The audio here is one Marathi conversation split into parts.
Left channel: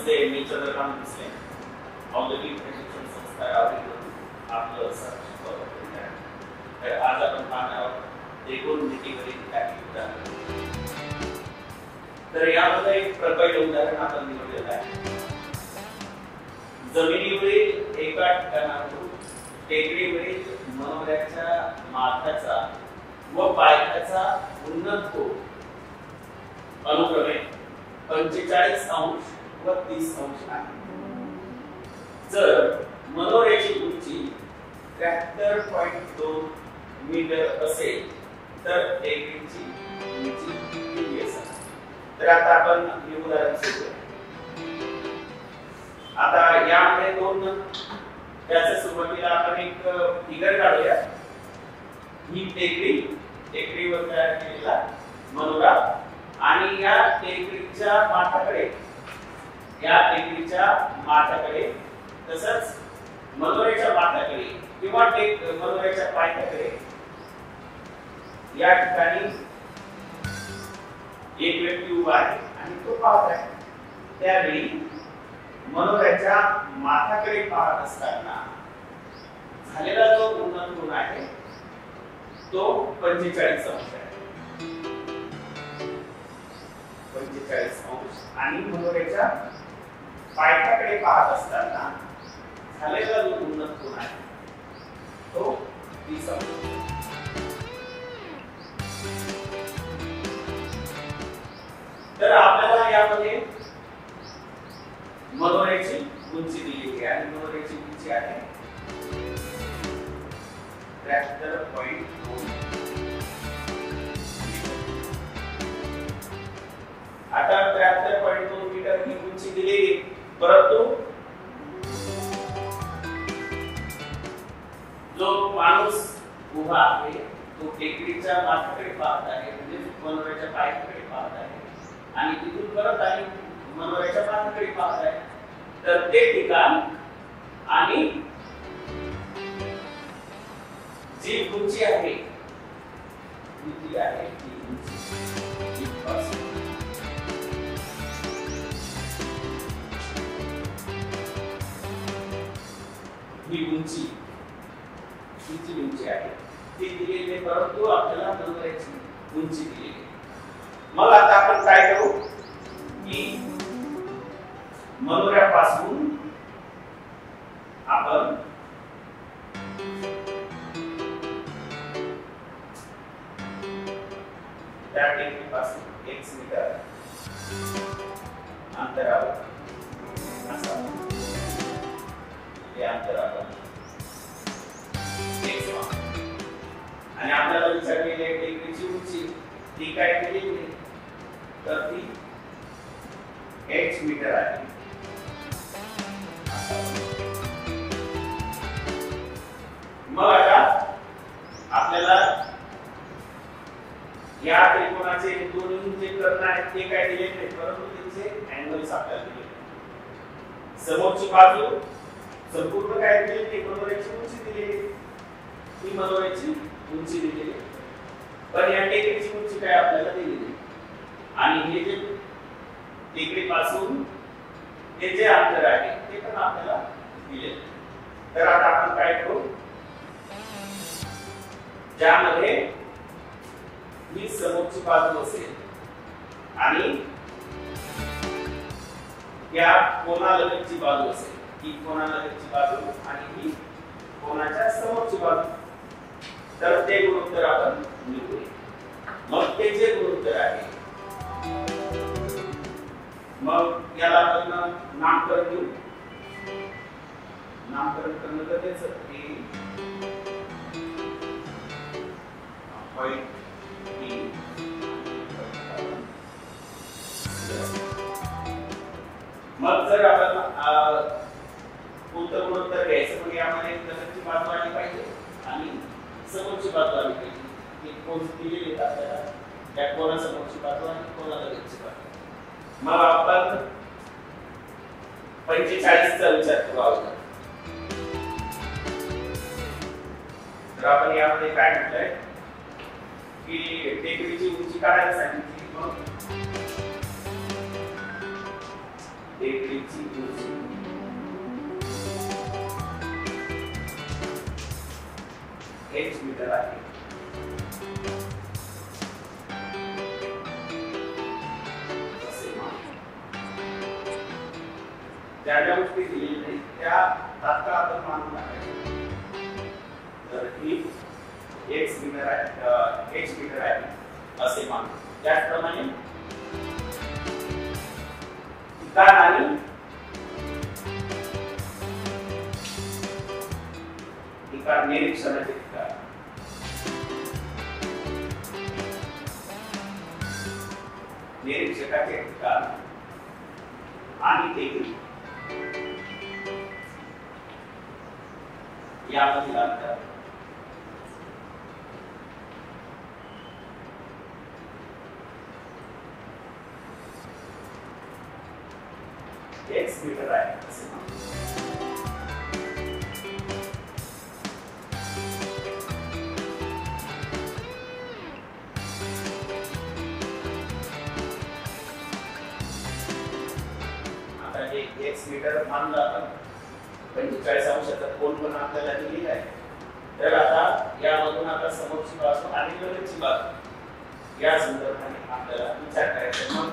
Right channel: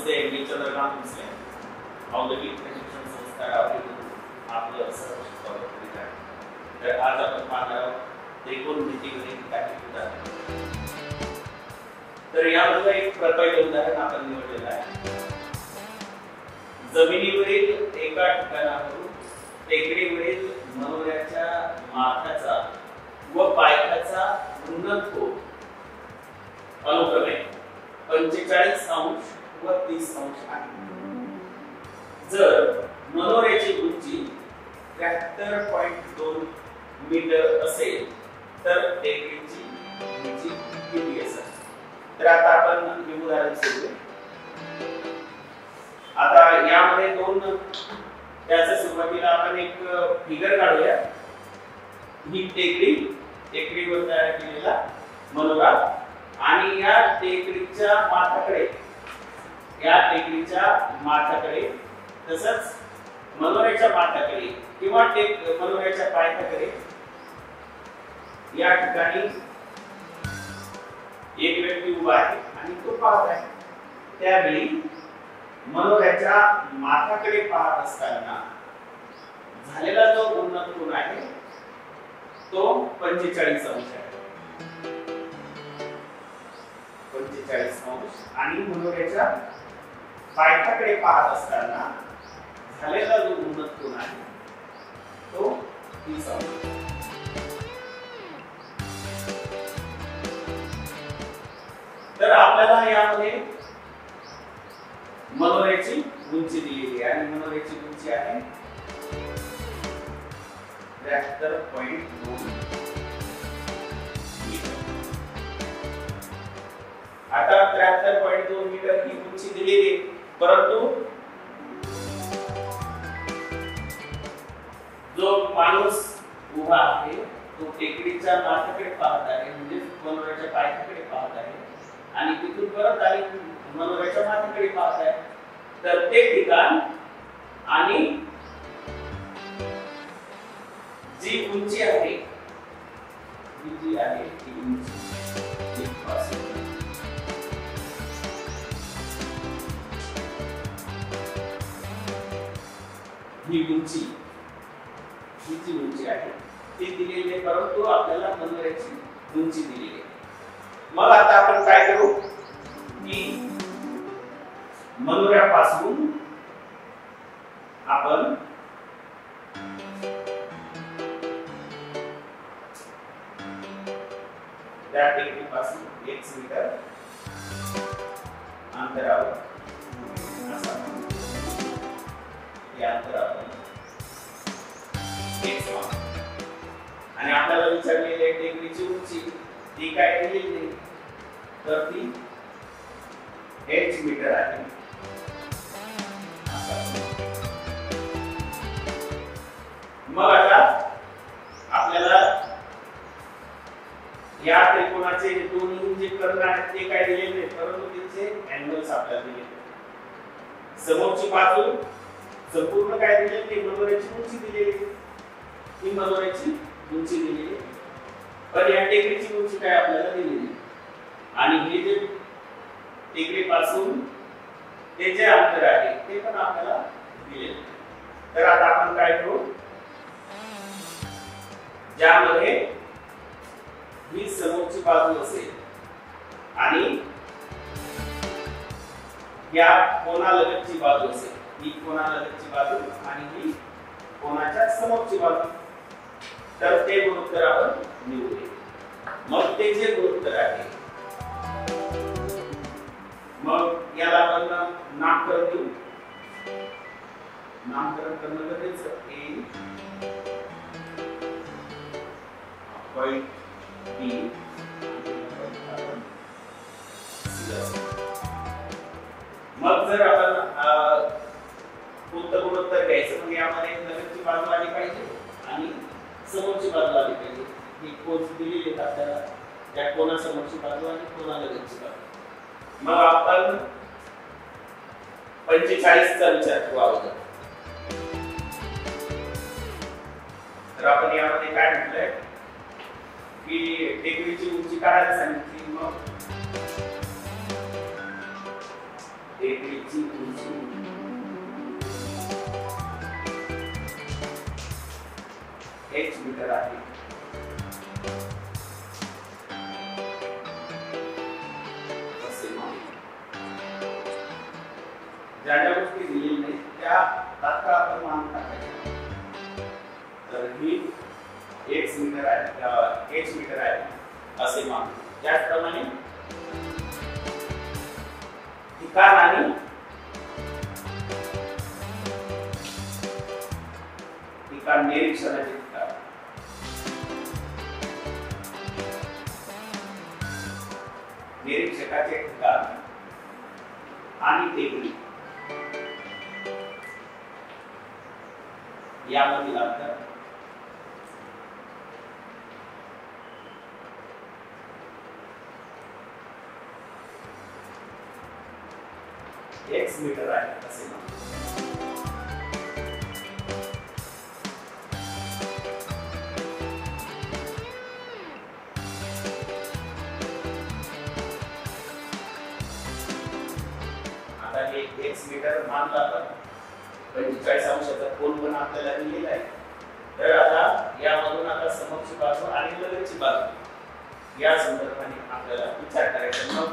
once they meet other ones on the week prediction संस्कार आपलं सर्वेक्षण कव्हर करीत आहे. तर आज आपण पाहणार आहोत एकूण नीतीवरील काही उदाहरणे. तर यामध्ये एक प्रकट उदाहरण आपण निवडलेलं आहे. जमिनीवरील एका ठिकाणावरून टेकडीवरील मनोऱ्याच्या माथ्याचा व पायथ्याचा उन्नत कोन अनुक्रमे 45 अंश व 30 अंश आहे. जर मनोऱ्याची उंची 73.2 मीटर असेल तर टेकडीची उंची किती असेल? तर आता आपण हे उदाहरण सोडवू. आता यामध्ये दोन त्याच्या सुरुवातीला आपण एक फिगर काढूया. ही टेकडीवर तयार केलेला मनोरा आणि या टेकडीच्या माथ्याकडे तसंच मनोऱ्याच्या माथ्याकडे किंवा मनोऱ्याच्या पायथ्याकडे या ठिकाणी एक व्यक्ती उभा आहे आणि तो पाहत आहे. त्यावेळी मनोऱ्याच्या माथ्याकडे पाहत असताना झालेला जो उन्नत कोन आहे तो 45 अंश आहे. 45 अंश आणि मनोऱ्याच्या पायथ्याकडे पाहत असताना झालेला जो उन्नत कोन आहे तो 30 अंश. तर आपल्याला यामध्ये मनोऱ्याची उंची दिली आहे आणि मनोऱ्याची उंची आहे 73.2. आता 73.2 मीटर ही उंची दिलेली, परंतु जो माणूस उभा आहे तो टेकडीच्या माथ्याकडे पाहत आहे, म्हणजे मनोऱ्याच्या पायथ्याकडे पाहत आहे आणि तिथून परत आणि मनोऱ्याच्या माथ्याकडे पाहत आहे. तर ते ठिकाण आणि जी उंची आहे किती आहे ती उंची ही उंची किती उंची आहे ती दिलेली आहे, परंतु आपल्याला मनोऱ्याची उंची दिलेली आहे. मग आता आपण काय करू की मनोऱ्यापासून आपण त्या टेकडीपासून 1 मीटर अंतरावर हे अंतर आपण आणि आपल्याला विचारलेली आहे टेकडीची उंची ती काय दिलेली आहे तर ती h मीटर आहे. मग आता आपल्याला या त्रिकोणाचे दोन्ही जे कर्ण आहेत ते काय दिलेले नाही, परंतु त्यांचे अँगल्स आपल्याला दिलेले आहेत. समोरची बाजू संपूर्ण काय दिलेली नाही, मनोऱ्याची उंची दिलेली, ही मनोऱ्याची उंची दिलेली, पण या टेकडीची उंची काय आपल्याला दिलेली नाही. आणि हे जे टेकडीपासून हे जे अंतर आहे ते पण आपल्याला दिलेले. तर आता आपण काय करू, ज्यामध्ये ही समोरची बाजू असेल आणि या कोणालगतची बाजू असेल, ही कोणालगतची बाजू आणि ही कोणाच्या समोरची बाजू, तर ते गुणोत्तर आपण निवडूया. मग ते जे गुणोत्तर आहे मग याला आपण नामकरण देऊ. नामकरण करणं गरजेचं आहे. मग जर आपण उत्तर गुणोत्तर घ्यायचं मग यामध्ये नगरची बाजू आली पाहिजे आणि समोरची बाजू आली पाहिजे. ही कोण दिलेली आहे आपल्याला, त्या कोणासमोरची बाजू आणि कोणालगतची बाजू. मग आपण 45 चा विचार करू अगोदर. तर आपण यामध्ये काय म्हटलंय की टेकडीची उंची काढायला सांगितली. मग टेकडीची उंची h मीटर आहे. ज्या गोष्टी दिलेल्या आहेत त्या तात्काळ आपण मानून टाकायच्या. तर ही x मीटर आहे, h मीटर आहे असे मानू. त्याचप्रमाणे ठिकाण आणि ठिकाण निरीक्षणाचे ठिकाण निरीक्षकाचे ठिकाण आणि टेकडी यामधील अंतर x मीटर आहे असे म्हणू. आता हे x मीटर मानला जातो. 45 अंशाचा कोन पण आपल्याला दिलेला आहे. तर आता यामधून आता समोरची बाजू आणि लगतची बाजू या संदर्भाने आपल्याला विचार करायचा. मग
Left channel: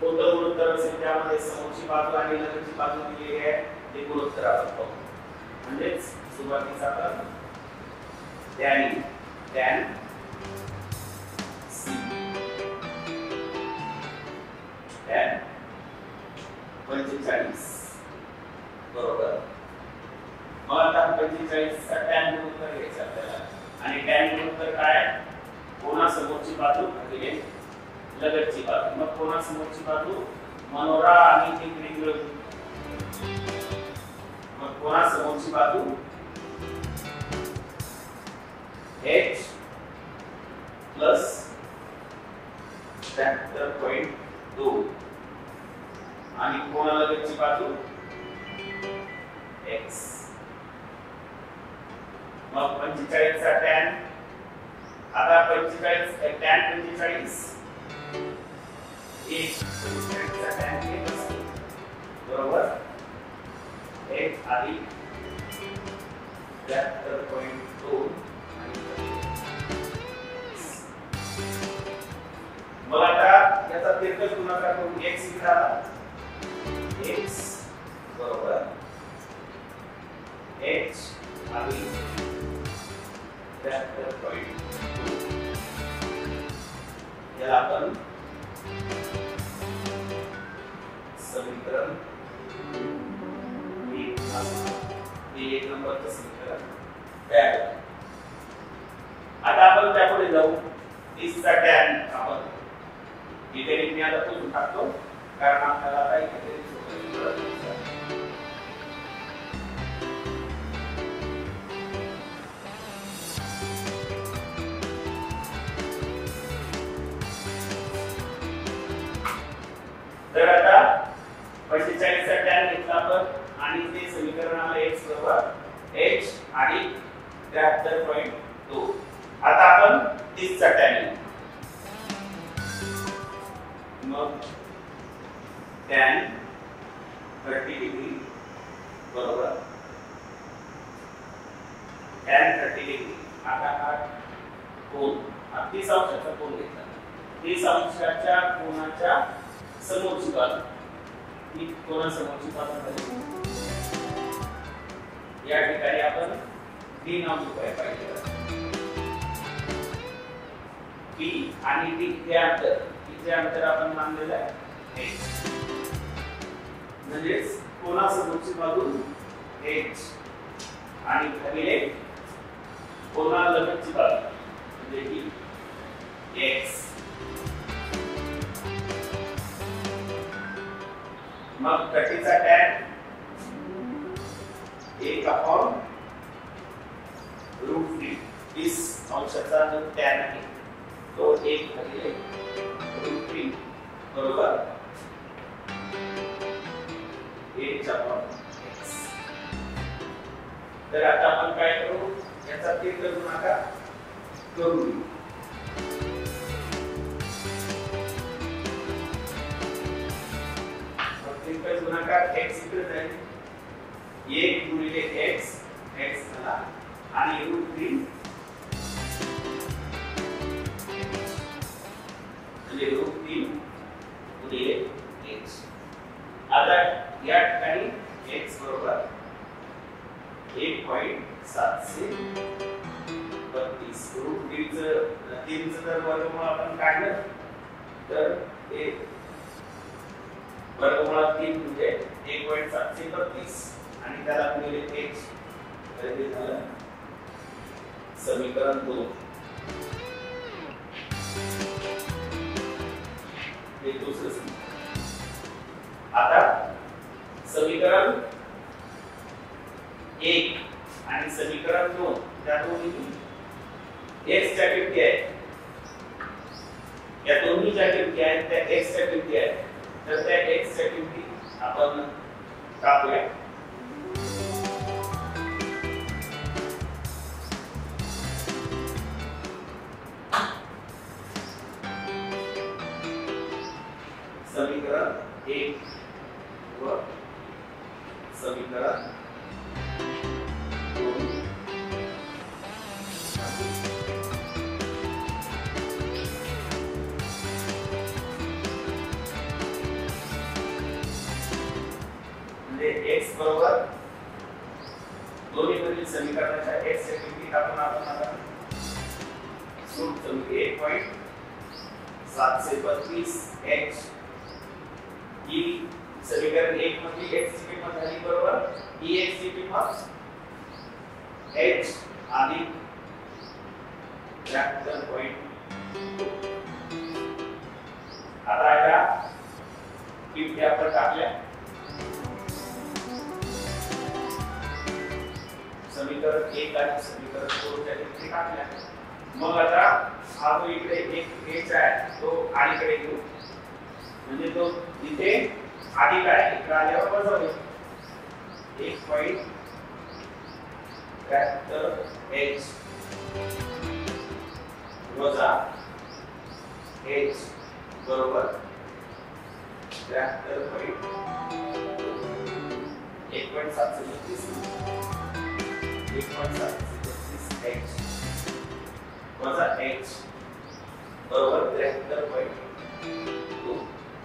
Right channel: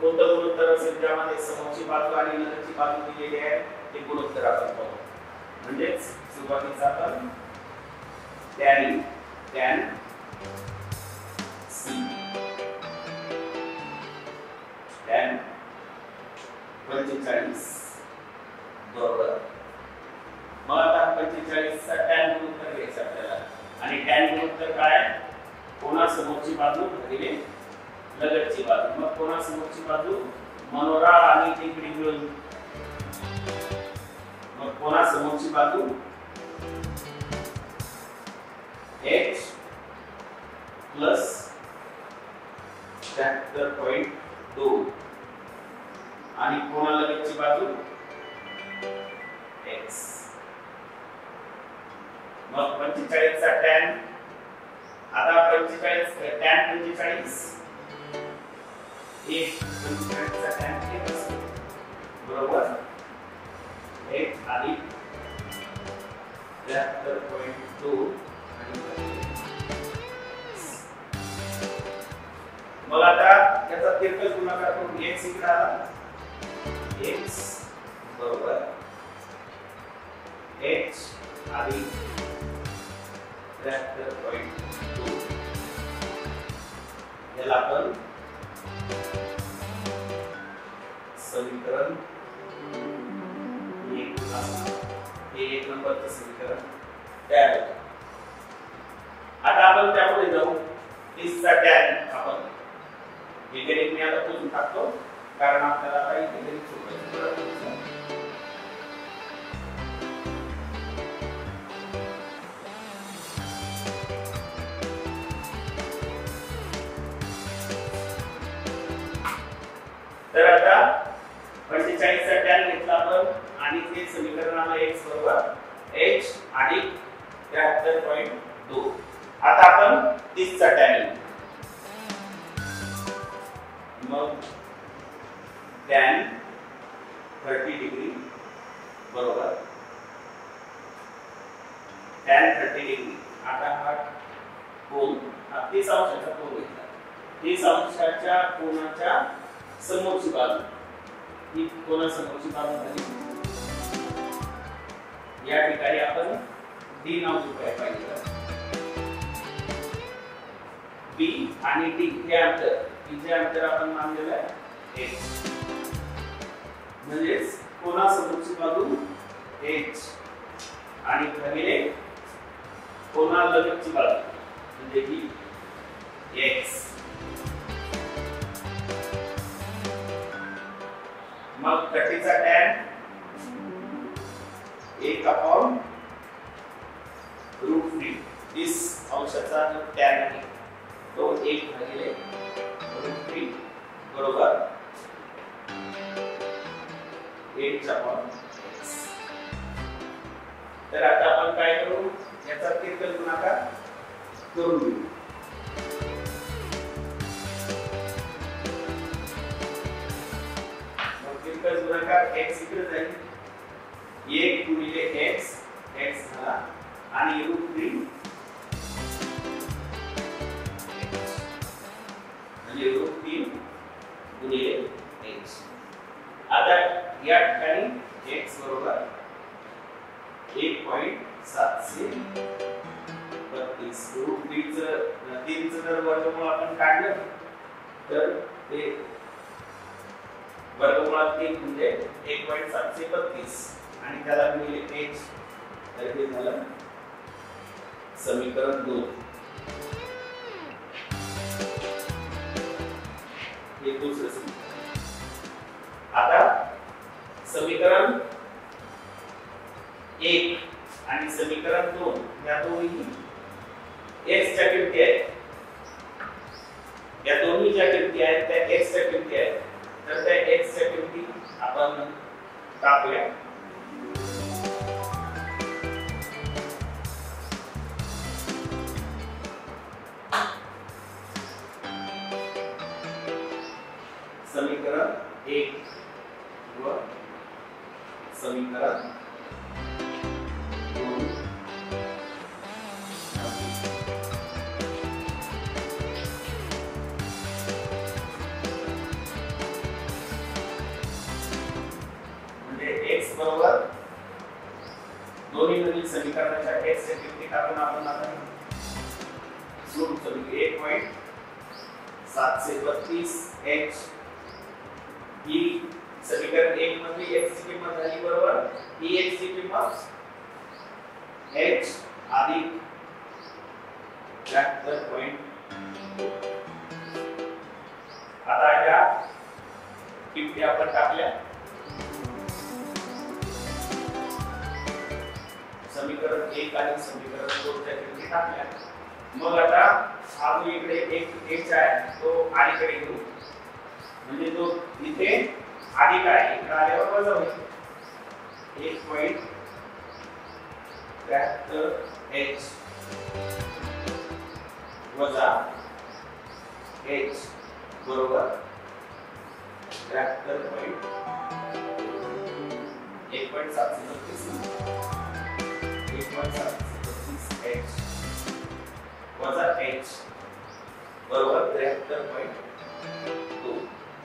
कोणतं गुणोत्तर असेल त्यामध्ये समोरची बाजू आणि लगतची बाजू दिलेली आहे ते गुणोत्तर आपण पाहू. म्हणजेच सुरुवातीस आपण tan c tan 45 बरोबर. मग आता 45 चा tan गुणोत्तर घ्यायचा आपल्याला. आणि tan गुणोत्तर काय? कोनासमोरची बाजू भागिले लगतची बाजू. मग कोनासमोरची बाजू मनोरा आणि टेकडी मिळून मग कोनासमोरची बाजू h प्लस 73.2 आणि कोनालगतची बाजू x. मग 45 चा tan आता 45 tan 45 एक 45 चा tan बरोबर 1 अधिक 73.2 मग आता याचा तिरकस गुणाकार करून x इकडे आला. x बरोबर h अधिक 73.2 याला आपण समीकरण एक नंबरचं समीकरण तयार होतं. आता आपण त्यामध्ये जाऊ. 30 चा tan आपण इकडे मी आता पुसून टाकतो कारण आपल्याला आता इकडे तर आता 45 चा tan घेतला आपण आणि ते समीकरण आलं x बरोबर h आणि 73.2. आता आपण 30 चा tan घेऊ. मग tan 30 डिग्री बरोबर tan 30 डिग्री. आता हा कोन 30 अंशाचा कोन घेतला. 30 अंशाच्या कोनाच्या समोरची बाजू ही कोनासमोरची बाजू झाली. या ठिकाणी आपण d नाव चुकायला पाहिजे. p आणि d हे अंतर जे अंतर आपण मानलेलं आहे h म्हणजे कोनासमोरची बाजू h आणि भागिले कोनालगतची बाजू म्हणजे ही x. मग 30 चा tan 1/√3 30 अंशाचा जो tan आहे तो 1/√3 बरोबर 1/x. तर आता आपण काय करू याचा तिरकस गुणाकार करून घेऊ. मग तिरकस एकच गुणाकार x इकडे जाईल 1 गुणिले x x झाला आणि √3 म्हणजे √3 गुणिले x. आता या ठिकाणी x बरोबर 1.732 √3 जर वर्गमूळ आपण काढलं तर ते वर्गमूळात 3 म्हणजे 1.732 आणि त्याला गुणिले x तर हे झालं समीकरण 2. हे दुसरं समीकरण. आता समीकरण 1 आणि समीकरण 2 या दोन्ही x च्या किमती आहेत. या दोन्ही ज्या किमती आहेत त्या x च्या किमती आहेत. तर त्या x च्या किमती आपण टाकूया. समीकरण 1 व समीकरण 2 म्हणजे x बरोबर दोन्ही मधील समीकरणाच्या x च्या किमती टाकून आपण आता सूत्र समीकरण 1.732 h ही समीकरण 1 मध्ये x ची किंमत झाली बरोबर dx ची किंमत h अधिक 73.2. आता या किमती आपण टाकल्या समीकरण 1 आणि समीकरण 2 च्या किमती टाकल्या. मग आता हा जो इकडे एक h आहे तो अलीकडे घेऊ म्हणजे तो इथे अधिक आहे इकडे आल्यावर वजा होईल 1.73h वजा h बरोबर 1.732h वजा h बरोबर 73.2.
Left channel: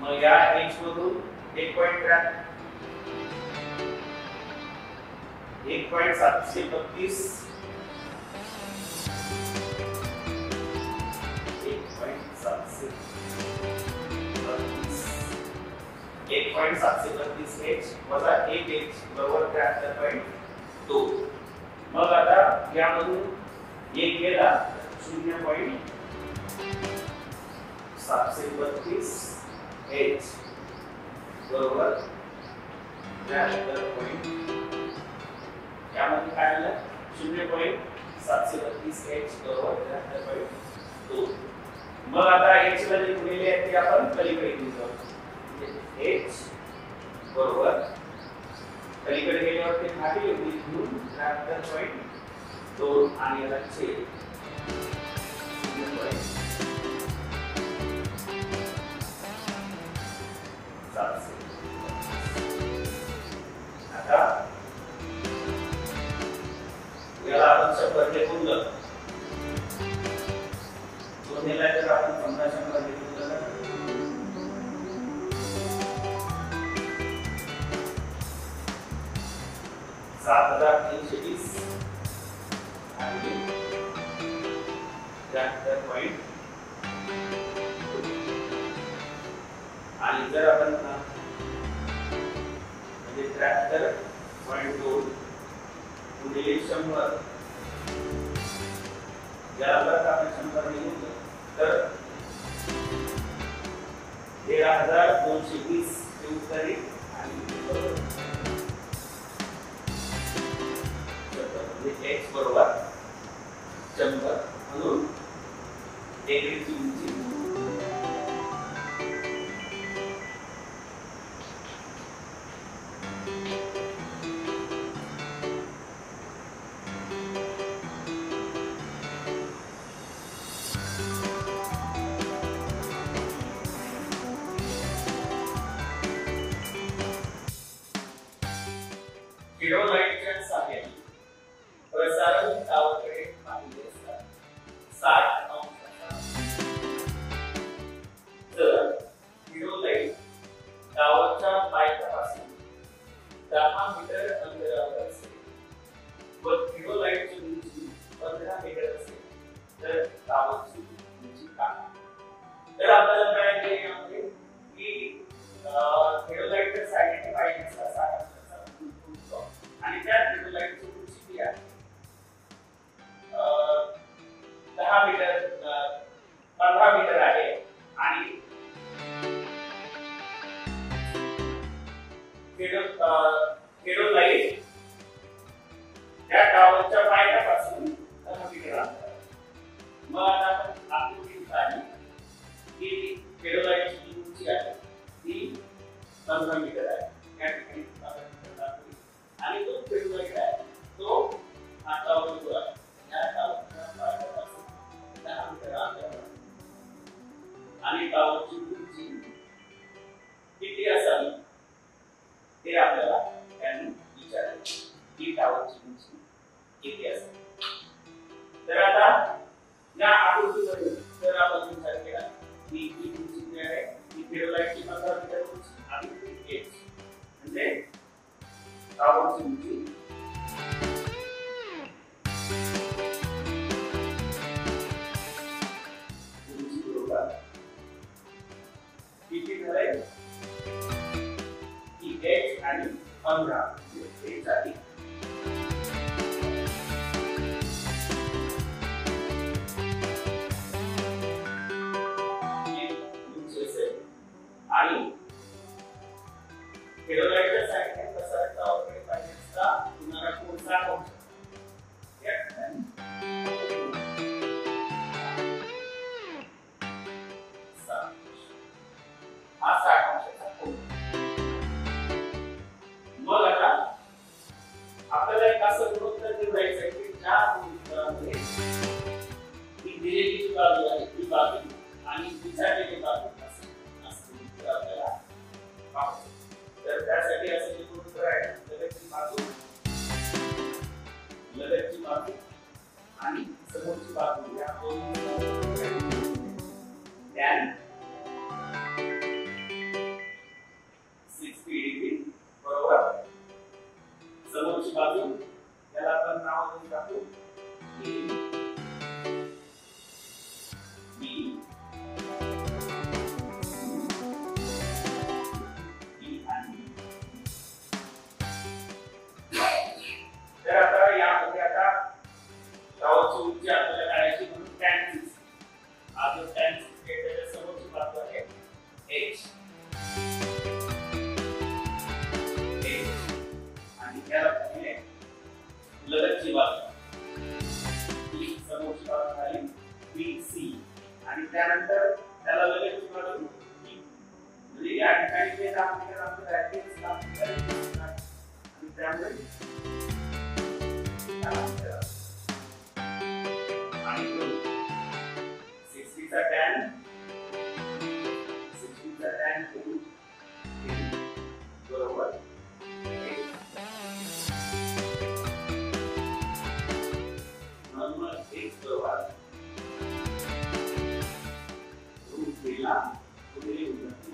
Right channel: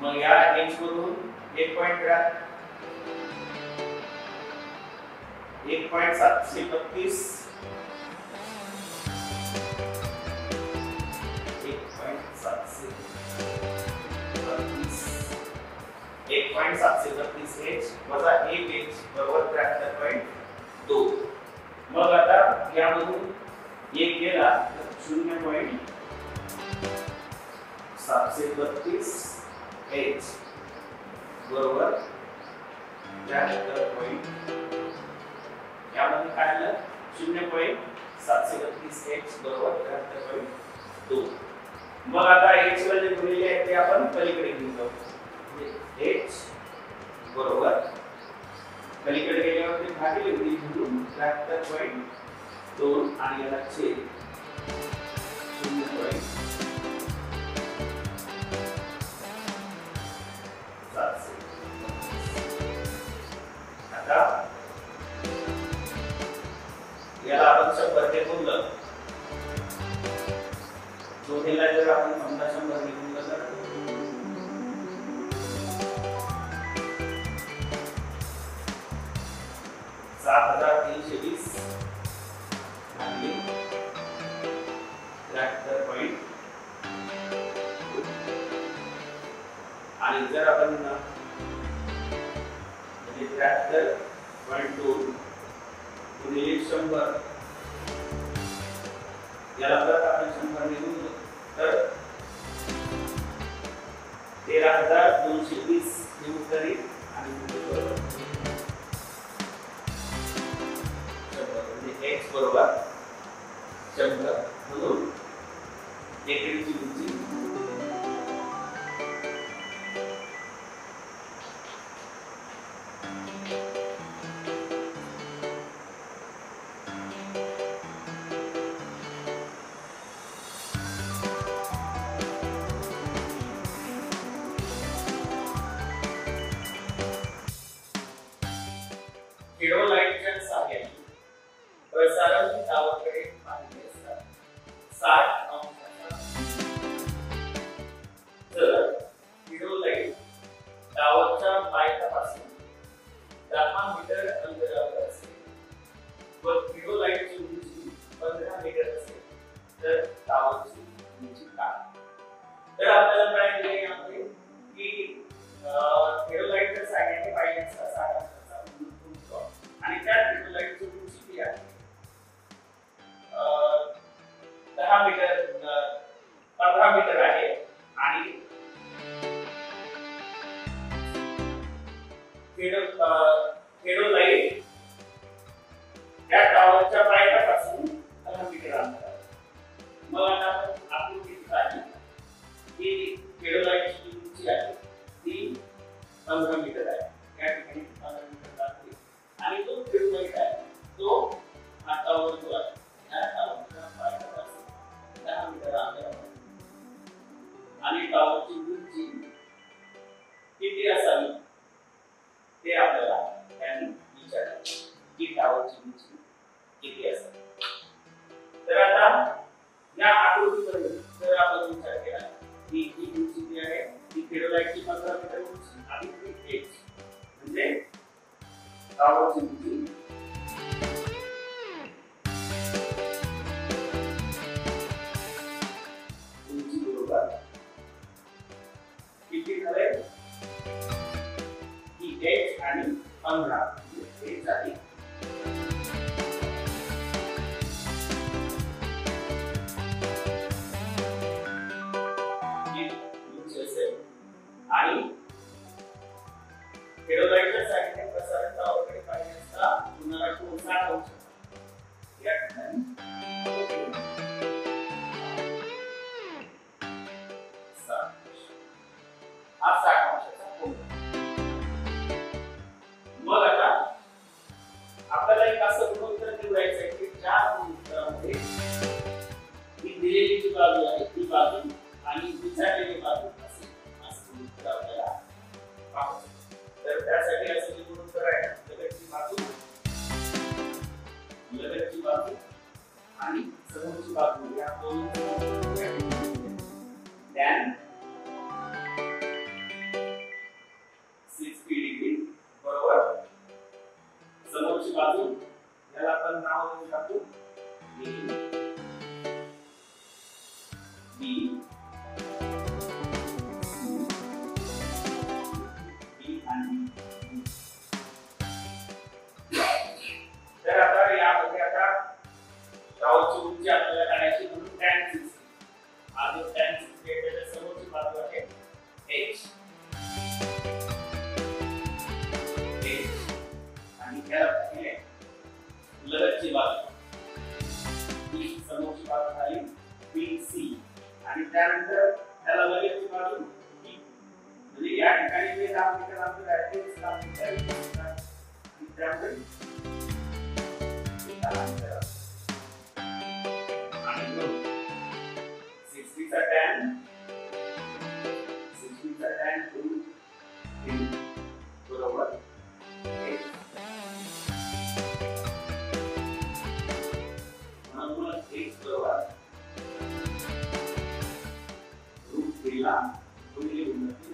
मग या h मधून 1.732 1.732h वजा 1h बरोबर 73.2. मग आता यामधून 1 गेला 0.732h बरोबर 73. यामध्ये काय आलं 0.732h बरोबर 73.2. मग आता h ला जे गुणिले आहे ते आपण पलीकडे घेऊन जाऊ. h बरोबर पलीकडे गेल्यावर ते भागिले घेऊन 73.2 आणि याला छेद 0.7. आता याला आपण 100 ने गुणलं दोन्हीला जर आपण 100 ने गुणलं 7320 आणि 73. आणि जर आपण म्हणजे 73.2 गुणिले 100 याला जर आपण 100 ने गुणलं तर 13,220 हे उत्तर येईल आणि x बरोबर 100 म्हणून एकरीची उंची किती असेल. तर आता या आकृतीमध्ये जर आपण विचार केला की ही उंची जी आहे ती फेरोलाइटची 15 मीटर उंची आणि h म्हणजे टॉवरची उंची बरोबर किती झाले की h आणि 15 हे झाली. आणि फेरोलाइटच्या साइडने प्रसारण टॉवरकडे पाहिजे असता तुम्हाला कोण 60 अंश या ठिकाणी 60 अंशाचा कोन. मग आता आपल्याला एक असं गुणोत्तर निवडायचं आहे की ज्या गुणोत्तरामध्ये ही दिलेली जी बाजू आहे ती बाजू आणि विचारलेली बाजू आपल्याला तर त्यासाठी असं जे गुणोत्तर आहे लगतची बाजू आणि समोरची बाजू या दोन tan 60 डिग्री बरोबर समोरची बाजू याला आपण नाव देऊन टाकू b तर आता यामध्ये आता टॉवरची उंची आपल्याला काढायची म्हणून tan 60 हा जो tan 60 आहे त्याच्या समोरची बाजू आहे h आणि त्याला लगतची बाजू ही समोरची बाजू झाली bc आणि त्यानंतर त्याला लगतची बाजू e म्हणजे या ठिकाणी जे आपण डायरेक्ट आणि त्यामुळे बरोबर म्हणून एक बरोबर रूट दिला गुणिले उंची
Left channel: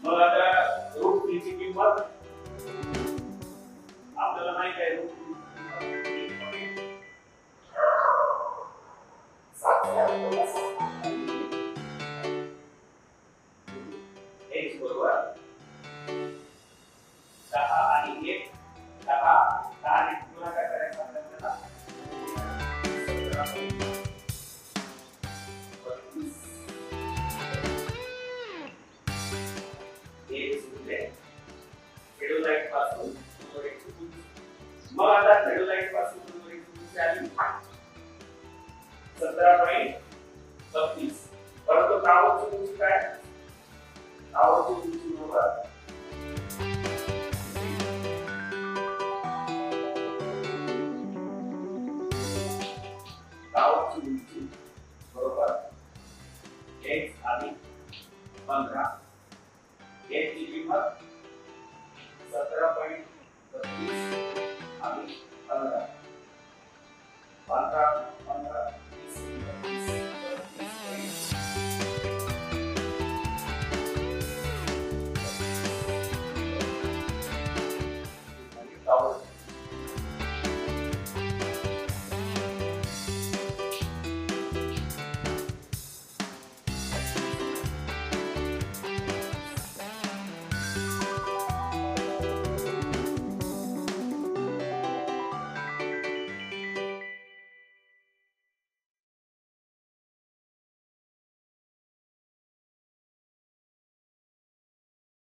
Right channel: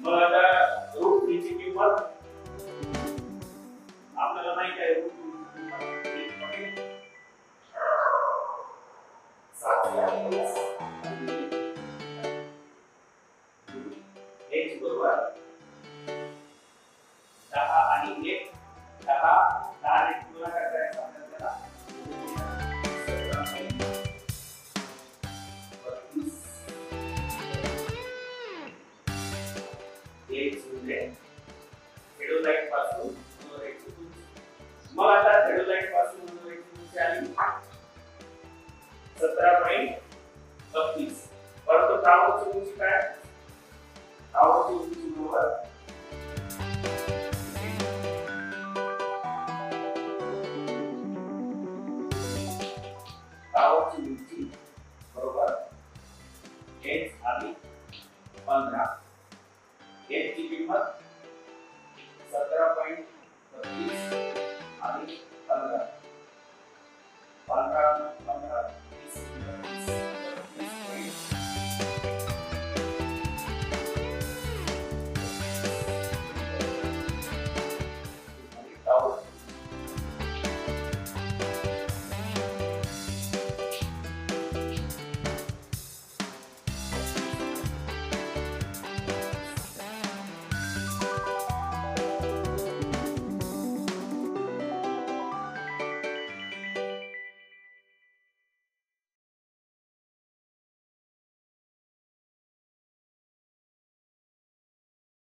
मग आता रूट 3 ची किंमत आपल्याला माहित आहे रूट 3 बरोबर 10 आणि 1 10 गुणाकार करायचा आपल्याला फेरोलाइट पासून मग आता फेरोलाइट पासून आली 17.32 परंतु टॉवरची उंची काय टॉवरची उंची बरोबर टॉवरची उंची बरोबर h आणि 15 h ची किंमत 17.32